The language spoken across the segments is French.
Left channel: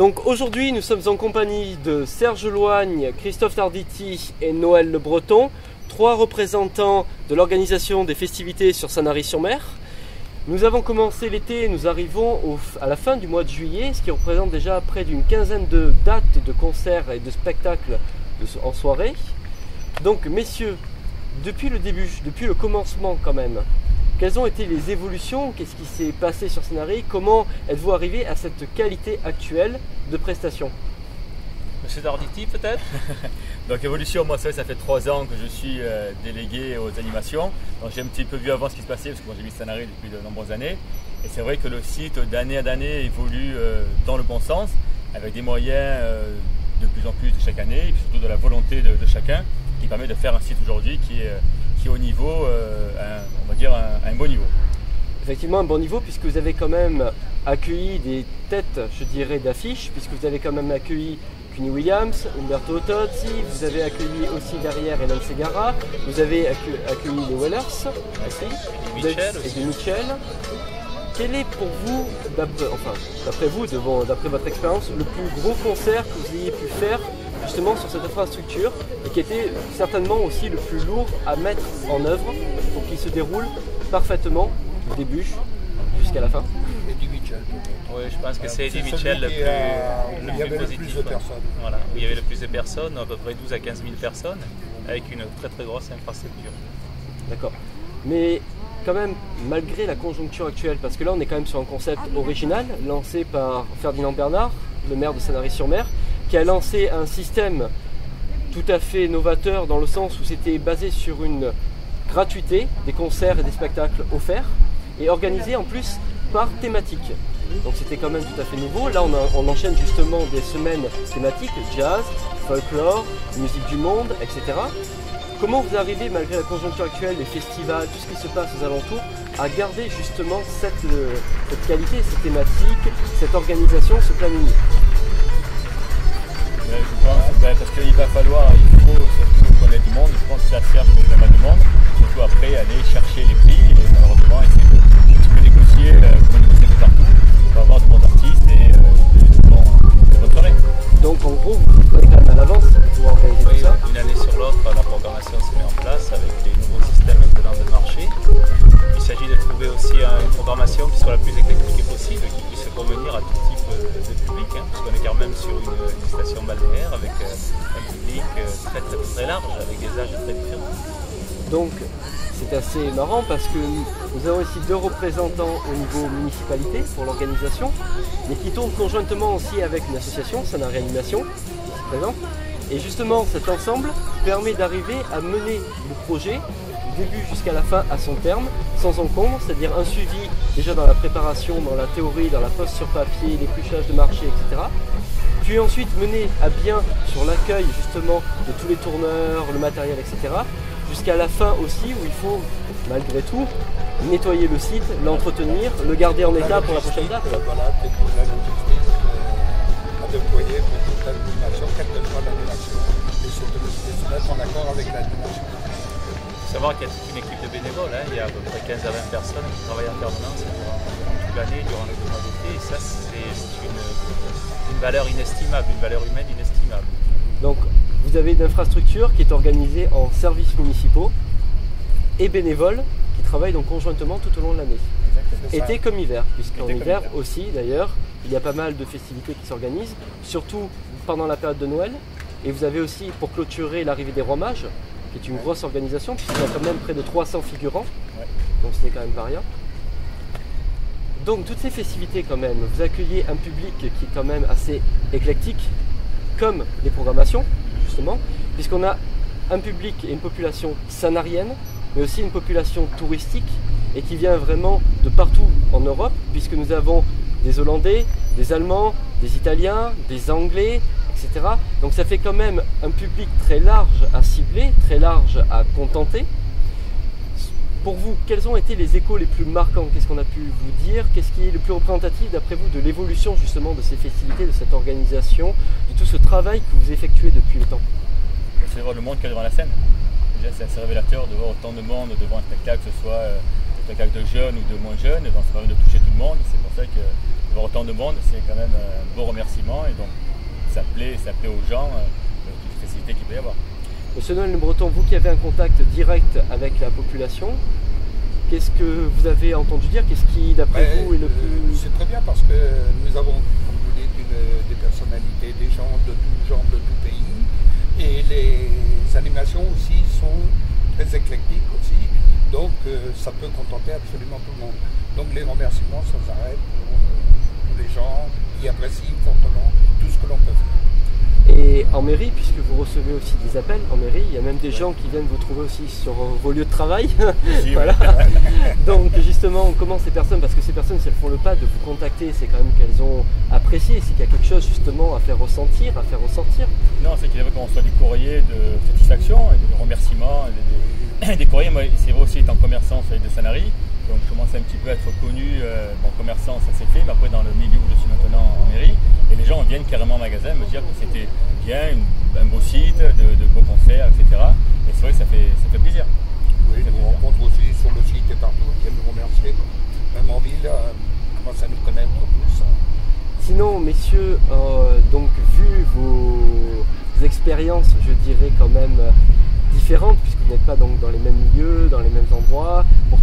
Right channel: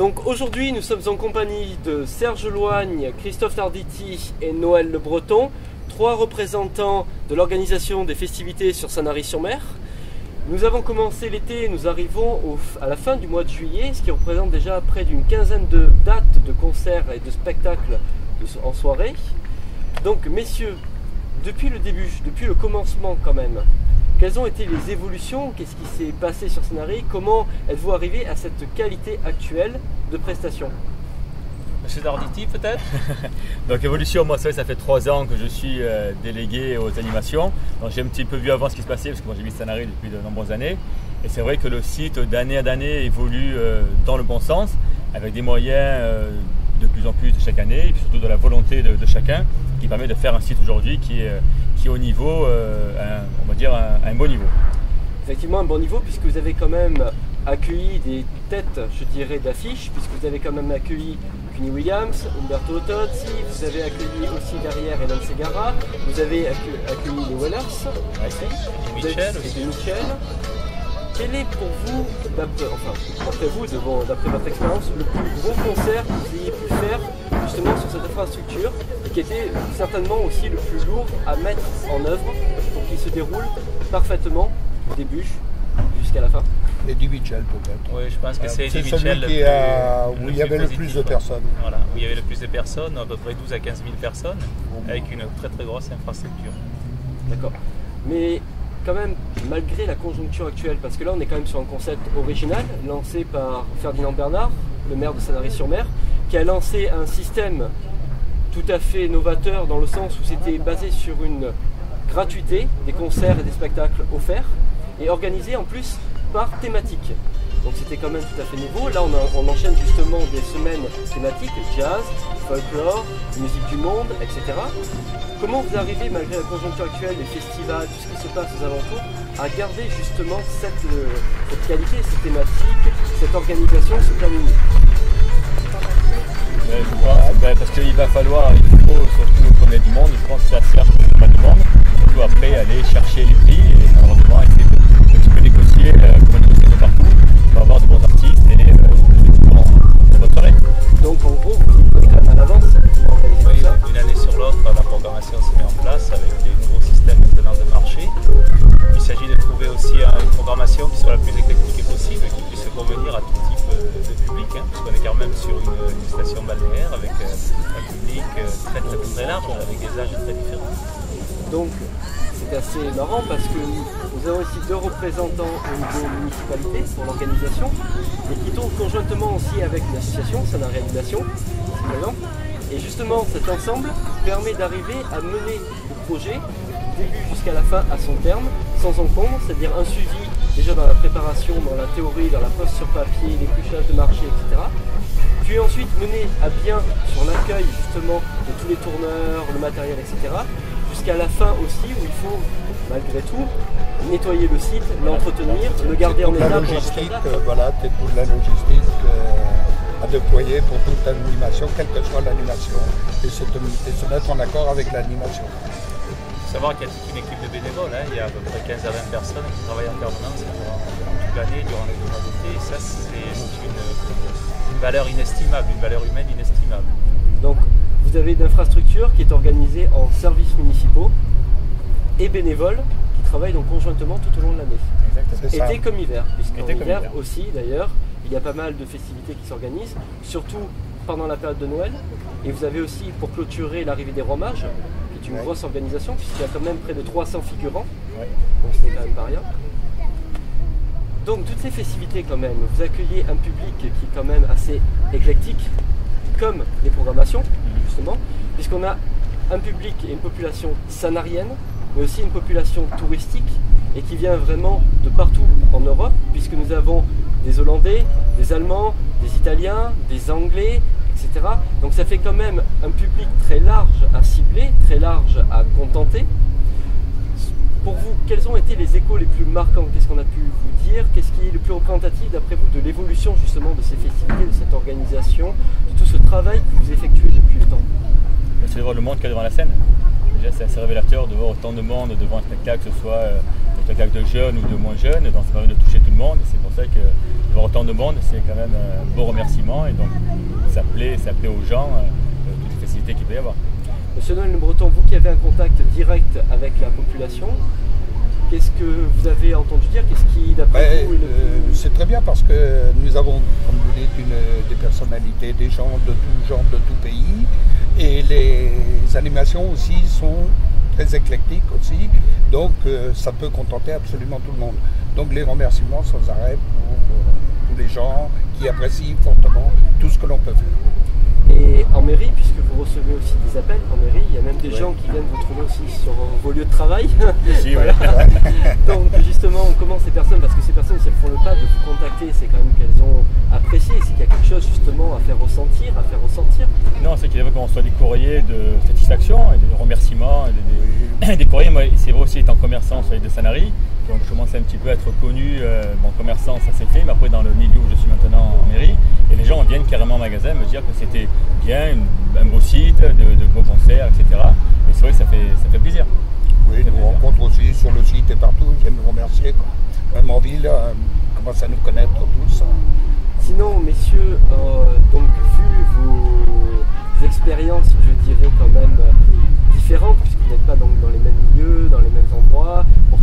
Donc aujourd'hui nous sommes en compagnie de Serge Loigne, Christophe Tarditi et Noël Le Breton, trois représentants de l'organisation des festivités sur Sanary-sur-Mer. Nous avons commencé l'été, nous arrivons à la fin du mois de juillet, ce qui représente déjà près d'une quinzaine de dates de concerts et de spectacles en soirée. Donc messieurs, depuis le début, depuis le commencement quand même, quelles ont été les évolutions? Qu'est-ce qui s'est passé sur Sanary? Comment êtes-vous arrivé à cette qualité actuelle de prestation? Monsieur Tarditi peut-être? Donc évolution, moi ça fait 3 ans que je suis délégué aux animations. Donc j'ai un petit peu vu avant ce qui se passait parce que moi j'ai mis Sanary depuis de nombreuses années. Et c'est vrai que le site d'année à année évolue dans le bon sens, avec des moyens de plus en plus de chaque année, et puis surtout de la volonté de chacun, qui permet de faire un site aujourd'hui qui est au niveau, on va dire un bon niveau. Effectivement un bon niveau, puisque vous avez quand même accueilli des têtes, je dirais, d'affiches, puisque vous avez quand même accueilli Cuny Williams, Umberto Tozzi, vous avez accueilili aussi derrière Hélène Ségara, vous avez accueilli les Wellers aussi, et Michel. Quel est pour vous, d'après vous, d'après votre expérience, le plus gros concert que vous ayez pu faire justement sur cette infrastructure et qui était certainement aussi le plus lourd à mettre en œuvre pour qu'il se déroule parfaitement du début jusqu'à la fin? Eddie Mitchell peut-être. Oui, je pense que c'est Eddie Mitchell où il y avait le plus de personnes. Voilà, où il y avait le plus de personnes, à peu près 12 à 15 000 personnes, avec une très très grosse infrastructure. D'accord. Mais quand même, malgré la conjoncture actuelle, parce que là on est quand même sur un concept original, lancé par Ferdinand Bernard, le maire de Sanary-sur-Mer, qui a lancé un système tout à fait novateur dans le sens où c'était basé sur une gratuité, des concerts et des spectacles offerts, et organisés en plus par thématique. Donc c'était quand même tout à fait nouveau. Là on enchaîne justement des semaines thématiques, jazz, folklore, musique du monde, etc. Comment vous arrivez, malgré la conjoncture actuelle, les festivals, tout ce qui se passe aux alentours, à garder justement cette qualité, cette thématique, cette organisation, ce planning? Je pense parce qu'il va falloir, il faut surtout qu'on ait du monde, je pense que ça sert pas mal de monde, surtout après aller chercher les prix et malheureusement essayer de un petit peu négocier, comme on négocie partout, pour avoir de bons artistes et de bonnes soirées. Donc en gros, vous prenez quand même à l'avance pour organiser tout ça? Une année sur l'autre, la programmation se met en place avec les nouveaux systèmes maintenant de marché. Il s'agit de trouver aussi une programmation qui soit la plus éclectique possible, qui puisse convenir à tout type de public, puisqu'on est quand même sur une station balnéaire avec un public très très très large, avec des âges très différents. Donc c'est assez marrant parce que nous avons ici 2 représentants au niveau municipalité pour l'organisation, mais qui tournent conjointement aussi avec une association, Sanary Animation, ici présente. Et justement cet ensemble permet d'arriver à mener le projet du début jusqu'à la fin à son terme, sans encombre, c'est-à-dire un suivi déjà dans la préparation, dans la théorie, dans la poste sur papier, l'épluchage de marché, etc. Puis ensuite mener à bien sur l'accueil justement de tous les tourneurs, le matériel, etc. Jusqu'à la fin aussi où il faut, malgré tout, nettoyer le site, l'entretenir, le garder en état pour la prochaine date. Voilà, c'est toute la logistique à déployer pour toute l'animation, quelle que soit l'animation, et se mettre en accord avec l'animation. Il faut savoir qu'il y a toute une équipe de bénévoles, il y a à peu près 15 à 20 personnes qui travaillent en permanence durant toute l'année, durant les 2 mois d'été, et ça c'est une valeur inestimable, une valeur humaine inestimable. Donc vous avez une infrastructure qui est organisée en services municipaux et bénévoles qui travaillent donc conjointement tout au long de l'année. Été comme hiver, puisqu'en hiver aussi d'ailleurs, il y a pas mal de festivités qui s'organisent, surtout pendant la période de Noël. Et vous avez aussi pour clôturer l'arrivée des Rois Mages, qui est une grosse organisation, puisqu'il y a quand même près de 300 figurants, donc ce n'est quand même pas rien. Donc toutes ces festivités quand même, vous accueillez un public qui est quand même assez éclectique, comme les programmations justement, puisqu'on a un public et une population sanarienne, mais aussi une population touristique et qui vient vraiment de partout en Europe, puisque nous avons des Hollandais, des Allemands, des Italiens, des Anglais, etc. Donc ça fait quand même un public très large à cibler, très large à contenter. Pour vous, quels ont été les échos les plus marquants? Qu'est-ce qu'on a pu vous dire? Qu'est-ce qui est le plus représentatif d'après vous de l'évolution justement de ces festivités, de cette organisation, de tout ce travail que vous effectuez depuis le temps? C'est de voir le monde qu'il y a devant la scène. Déjà c'est assez révélateur de voir autant de monde devant un spectacle, que ce soit un spectacle de jeunes ou de moins jeunes, donc ça permet de toucher tout le monde. C'est pour ça que voir autant de monde, c'est quand même un beau remerciement et donc ça plaît aux gens, toutes les facilités qu'il peut y avoir. Monsieur Noël Le Breton, vous qui avez un contact direct avec la population, qu'est-ce que vous avez entendu dire? Qu'est-ce qui, d'après vous, est le plus... C'est très bien parce que nous avons, comme vous dites, des personnalités, des gens de tout genre, de tout pays. Et les animations aussi sont très éclectiques aussi. Donc ça peut contenter absolument tout le monde. Donc les remerciements sans arrêt pour tous les gens qui apprécient fortement tout ce que l'on peut faire. Et en mairie, puisque vous recevez aussi des appels en mairie, il y a même des gens qui viennent vous trouver aussi sur vos lieux de travail. Si, voilà. Donc justement, comment ces personnes, parce que ces personnes, si elles font le pas de vous contacter, c'est quand même qu'elles ont apprécié, c'est qu'il y a quelque chose justement à faire ressentir, à faire ressortir. Non, c'est qu'il y avait qu'on reçoit des courriers de satisfaction et de remerciements, et des courriers. Moi, c'est vrai aussi, étant commerçant sur l'île de Sanary, donc je commençais un petit peu à être connu, bon, commerçant ça s'est fait, mais après dans le milieu où je suis maintenant en mairie, et les gens viennent carrément au magasin me dire que c'était bien, un beau site, de beaux concerts, etc. Et c'est vrai que ça fait plaisir. Oui, nous rencontrons aussi sur le site et partout, ils viennent nous remercier. Même en ville, commencent à nous connaître tous. Sinon, messieurs, donc vu vos expériences, je dirais quand même différentes, puisque vous n'êtes pas donc dans les mêmes milieux, dans les mêmes endroits, pour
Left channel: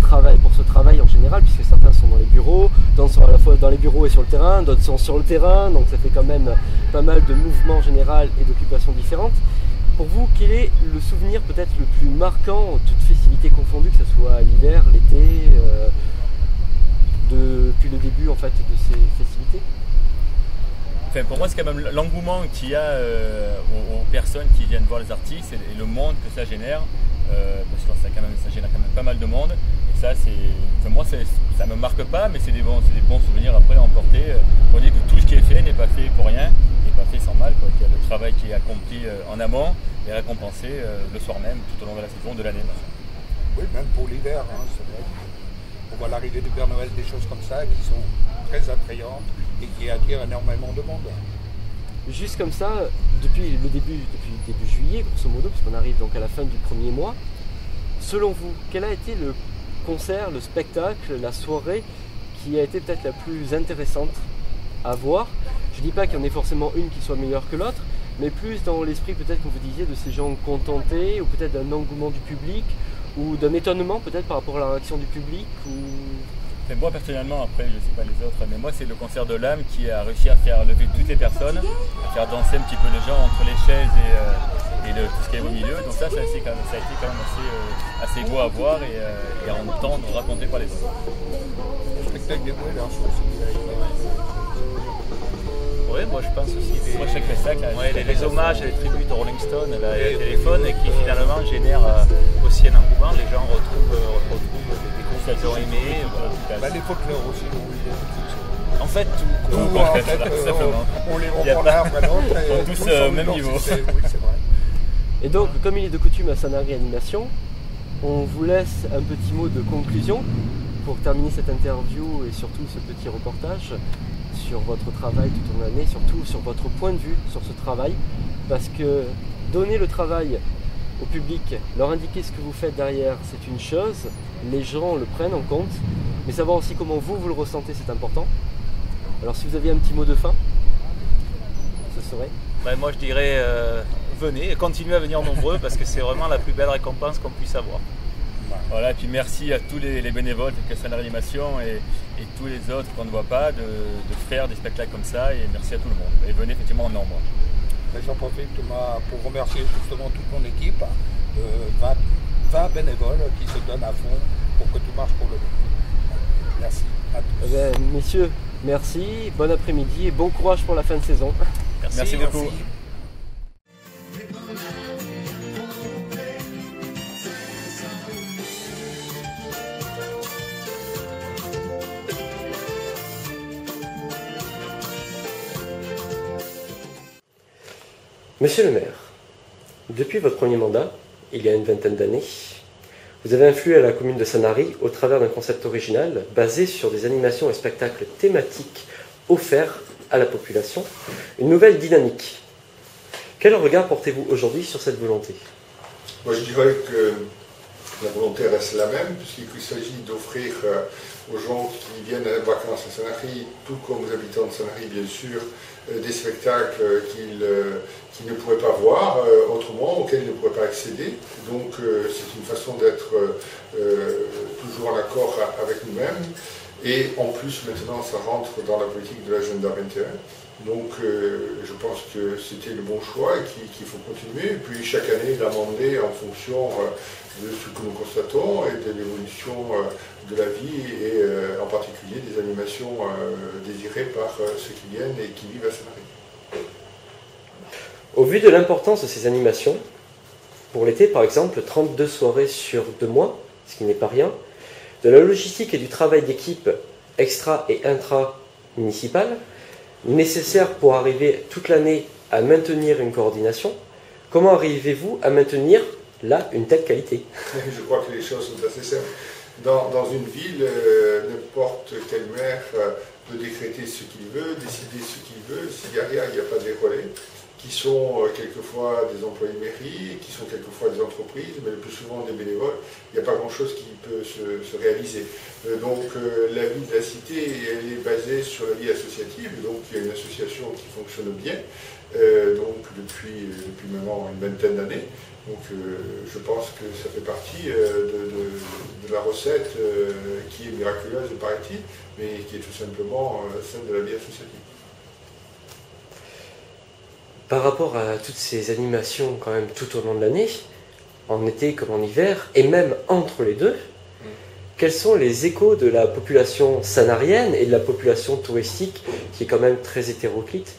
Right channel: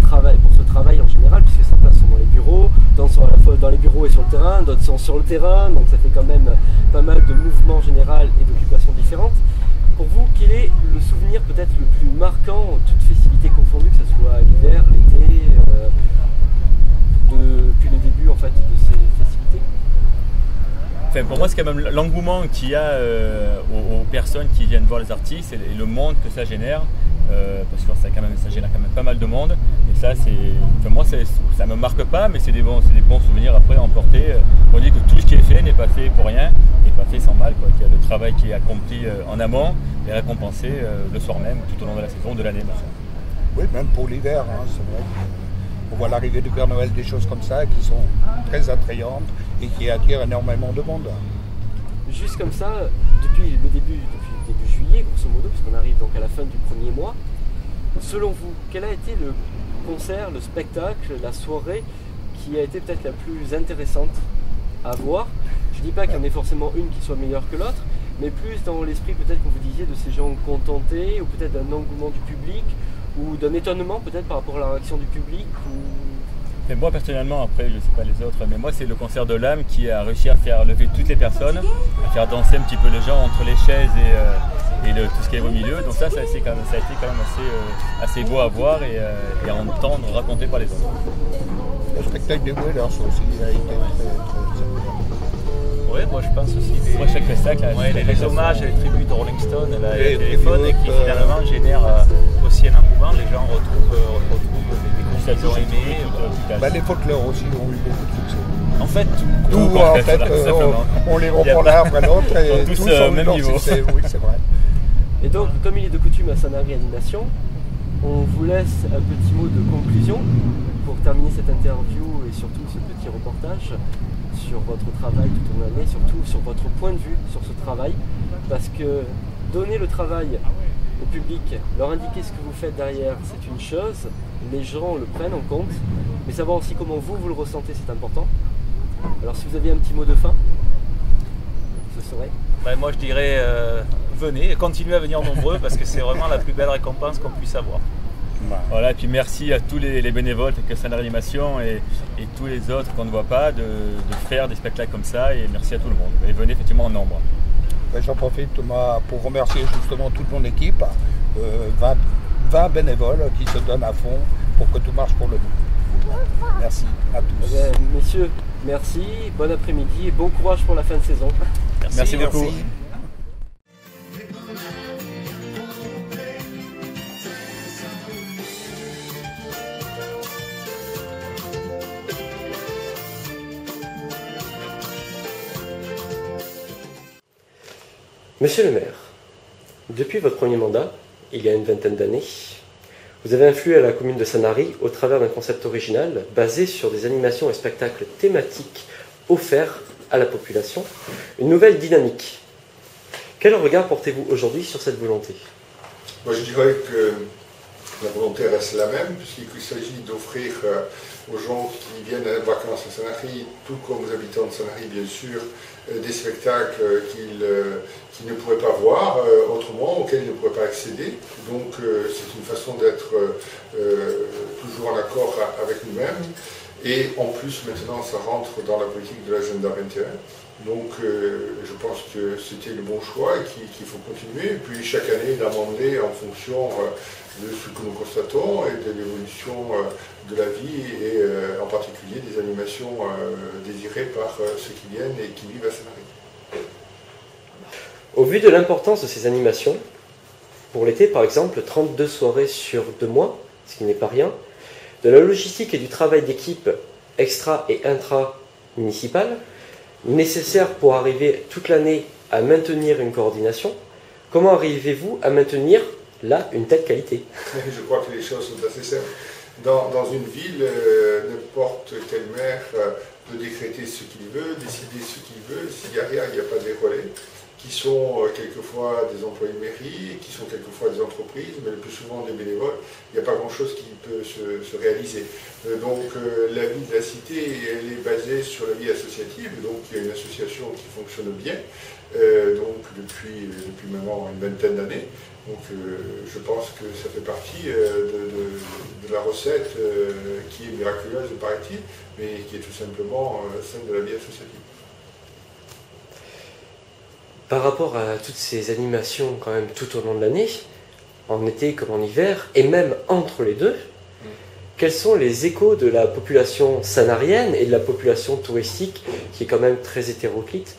ce travail en général, puisque certains sont dans les bureaux, d'autres sont à la fois dans les bureaux et sur le terrain, d'autres sont sur le terrain, donc ça fait quand même pas mal de mouvements général et d'occupations différentes. Pour vous, quel est le souvenir peut-être le plus marquant, toutes festivités confondues, que ce soit l'hiver, l'été, depuis le début en fait de ces festivités? Enfin, pour moi, c'est quand même l'engouement qu'il y a aux personnes qui viennent voir les artistes et le monde que ça génère, parce que ça génère quand même pas mal de monde. Et ça, enfin, moi, ça me marque pas, mais c'est des bons souvenirs après à emporter. On dit que tout ce qui est fait n'est pas fait pour rien, n'est pas fait sans mal, quoi. Qu'il y a le travail qui est accompli en amont et récompensé le soir même, tout au long de la saison, de l'année. Oui, même pour l'hiver, hein, c'est vrai. On voit l'arrivée du Père Noël, des choses comme ça qui sont très attrayantes et qui attirent énormément de monde. Juste comme ça, depuis début juillet, grosso modo, puisqu'on arrive donc à la fin du premier mois, selon vous, quel a été le concert, le spectacle, la soirée qui a été peut-être la plus intéressante à voir? Je ne dis pas qu'il y en ait forcément une qui soit meilleure que l'autre, mais plus dans l'esprit peut-être, comme vous disiez, de ces gens contentés, ou peut-être d'un engouement du public, ou d'un étonnement peut-être par rapport à la réaction du public ou... Mais moi personnellement, après je ne sais pas les autres, mais moi c'est le concert de l'âme qui a réussi à faire lever toutes les personnes, à faire danser un petit peu les gens entre les chaises et tout ce qui est au milieu. Donc ça a été quand même assez beau à voir et à entendre raconter par les autres. Le spectacle des Wailers aussi a été Oui, moi je pense aussi chaque spectacle, les hommages et les tributes de Rolling Stone et le téléphone et qui finalement génèrent aussi un engouement. Les gens retrouvent des concerts qu'ils ont aimés. Les folklores aussi ont eu beaucoup de succès. En fait, tout en fait, on les reprend l'un après l'autre et tous au même niveau. Oui, c'est vrai. Et donc, comme il est de coutume à Sanary Animation, on vous laisse un petit mot de conclusion pour terminer cette interview et surtout ce petit reportage sur votre travail tout au long de l'année, surtout sur votre point de vue sur ce travail, parce que donner le travail au public, leur indiquer ce que vous faites derrière, c'est une chose, les gens le prennent en compte, mais savoir aussi comment vous le ressentez, c'est important. Alors si vous aviez un petit mot de fin, ce serait? Moi je dirais venez et continuez à venir nombreux parce que c'est vraiment la plus belle récompense qu'on puisse avoir. Voilà, et puis merci à tous les bénévoles de Sanary Animation et tous les autres qu'on ne voit pas de faire des spectacles comme ça, et merci à tout le monde. Et venez effectivement en nombre. J'en profite Thomas pour remercier justement toute mon équipe, 20 bénévoles qui se donnent à fond pour que tout marche pour le mieux. Merci à tous. Messieurs, merci, bon après-midi et bon courage pour la fin de saison. Merci beaucoup. Merci. Monsieur le maire, depuis votre premier mandat, il y a une vingtaine d'années, vous avez influé à la commune de Sanary au travers d'un concept original basé sur des animations et spectacles thématiques offerts à la population, une nouvelle dynamique. Quel regard portez-vous aujourd'hui sur cette volonté? Moi je dirais que La volonté reste la même, puisqu'il s'agit d'offrir aux gens qui viennent en vacances à Sanary, tout comme aux habitants de Sanary bien sûr, des spectacles qu'ils ne pourraient pas voir autrement, auxquels ils ne pourraient pas accéder. Donc c'est une façon d'être toujours en accord avec nous-mêmes. Et en plus maintenant ça rentre dans la politique de l'agenda 21. Donc je pense que c'était le bon choix et qu'il faut continuer. Et puis chaque année l'amender en fonction de ce que nous constatons et de l'évolution de la vie et en particulier des animations désirées par ceux qui viennent et qui vivent à Sanary. Au vu de l'importance de ces animations, pour l'été par exemple, 32 soirées sur 2 mois, ce qui n'est pas rien, de la logistique et du travail d'équipe extra et intra-municipale, nécessaire pour arriver toute l'année à maintenir une coordination, comment arrivez-vous à maintenir là une telle qualité? Je crois que les choses sont assez simples. Dans une ville, n'importe quel maire peut décréter ce qu'il veut, décider ce qu'il veut. S'il n'y a rien, il n'y a pas des relais, qui sont quelquefois des employés de mairie, qui sont quelquefois des entreprises, mais le plus souvent des bénévoles. Il n'y a pas grand-chose qui peut se réaliser. Donc la vie de la cité, elle est basée sur la vie associative, donc il y a une association qui fonctionne bien, donc depuis maintenant une vingtaine d'années. Donc je pense que ça fait partie de la recette qui est miraculeuse, paraît-il, mais qui est tout simplement celle de la vie associative. Par rapport à toutes ces animations quand même tout au long de l'année, en été comme en hiver, et même entre les deux, quels sont les échos de la population sanarienne et de la population touristique qui est quand même très hétéroclite?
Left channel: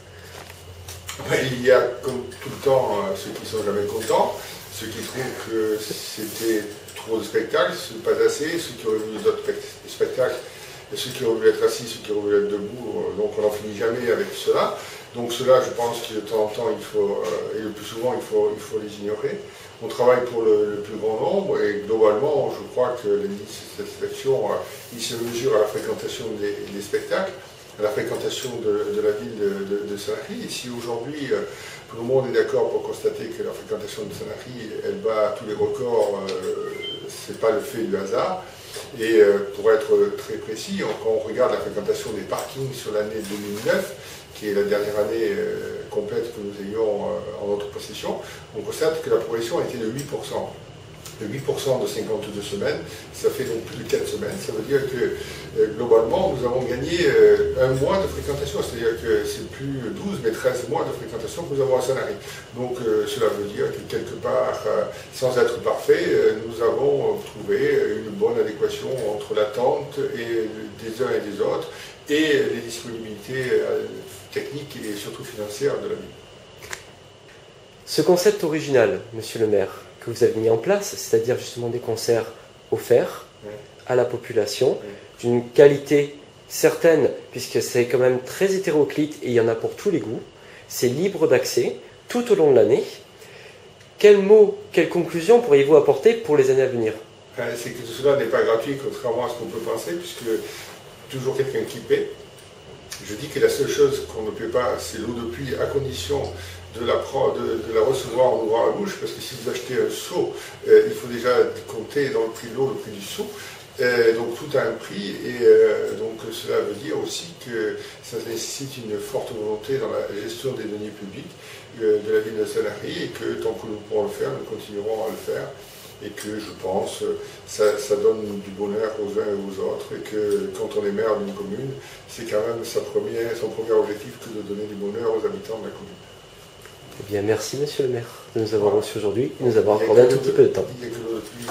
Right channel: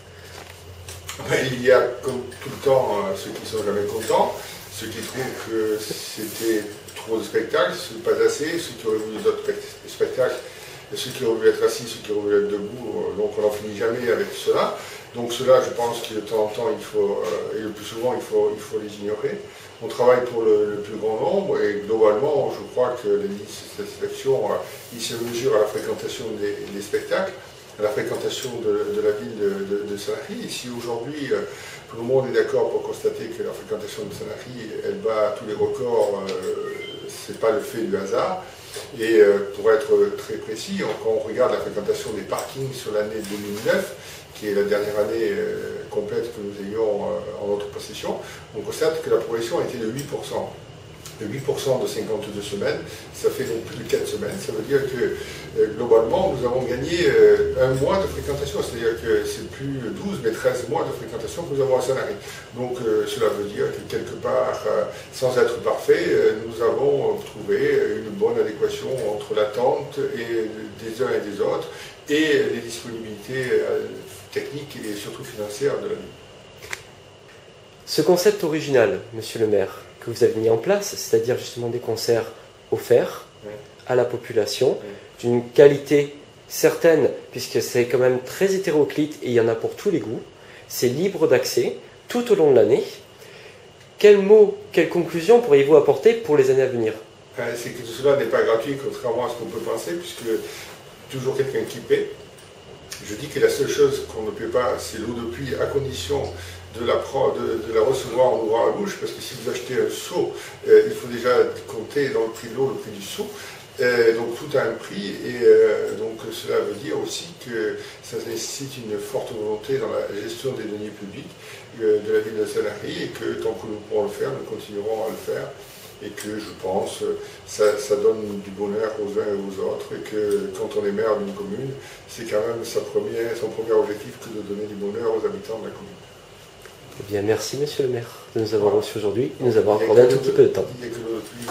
Il y a comme tout le temps ceux qui ne sont jamais contents, ceux qui trouvent que c'était trop de spectacles, pas assez, ceux qui auraient voulu d'autres spectacles, ceux qui auraient voulu être assis, ceux qui auraient voulu être debout, donc on n'en finit jamais avec cela. Donc cela, je pense que de temps en temps, il faut, et le plus souvent, il faut les ignorer. On travaille pour le plus grand nombre et globalement, je crois que l'indice de satisfaction, il se mesure à la fréquentation des spectacles, à la fréquentation de la ville de Sanary. Et si aujourd'hui, tout le monde est d'accord pour constater que la fréquentation de Sanary, elle bat tous les records, ce n'est pas le fait du hasard. Et pour être très précis, quand on regarde la fréquentation des parkings sur l'année 2009, qui est la dernière année complète que nous ayons en notre possession, on constate que la progression a été de 8%. De 8% de 52 semaines, ça fait donc plus de 4 semaines. Ça veut dire que globalement, nous avons gagné un mois de fréquentation, c'est-à-dire que c'est plus 12, mais 13 mois de fréquentation que nous avons à Sanary. Donc cela veut dire que quelque part, sans être parfait, nous avons trouvé une bonne adéquation entre l'attente des uns et des autres et les disponibilités techniques et surtout financières de la ville. Ce concept original, monsieur le maire, que vous avez mis en place, c'est-à-dire justement des concerts offerts à la population, d'une qualité certaine, puisque c'est quand même très hétéroclite et il y en a pour tous les goûts, c'est libre d'accès tout au long de l'année. Quels mots, quelles conclusions pourriez-vous apporter pour les années à venir? C'est que tout cela n'est pas gratuit, contrairement à ce qu'on peut penser, puisque toujours quelqu'un qui paie. Je dis que la seule chose qu'on ne paie pas, c'est l'eau de pluie, à condition de la recevoir en ouvrant la bouche, parce que si vous achetez un seau, il faut déjà compter dans le prix de l'eau le prix du seau. Donc tout a un prix, et donc cela veut dire aussi que ça nécessite une forte volonté dans la gestion des deniers publics de la ville de Sanary, et que tant que nous pourrons le faire, nous continuerons à le faire. Et que je pense ça donne du bonheur aux uns et aux autres, et que quand on est maire d'une commune, c'est quand même son premier objectif que de donner du bonheur aux habitants de la commune. Eh bien, merci monsieur le maire de nous avoir reçus aujourd'hui et de nous avoir accordé un tout petit peu de temps. Il n'y a que l'eau de pluie.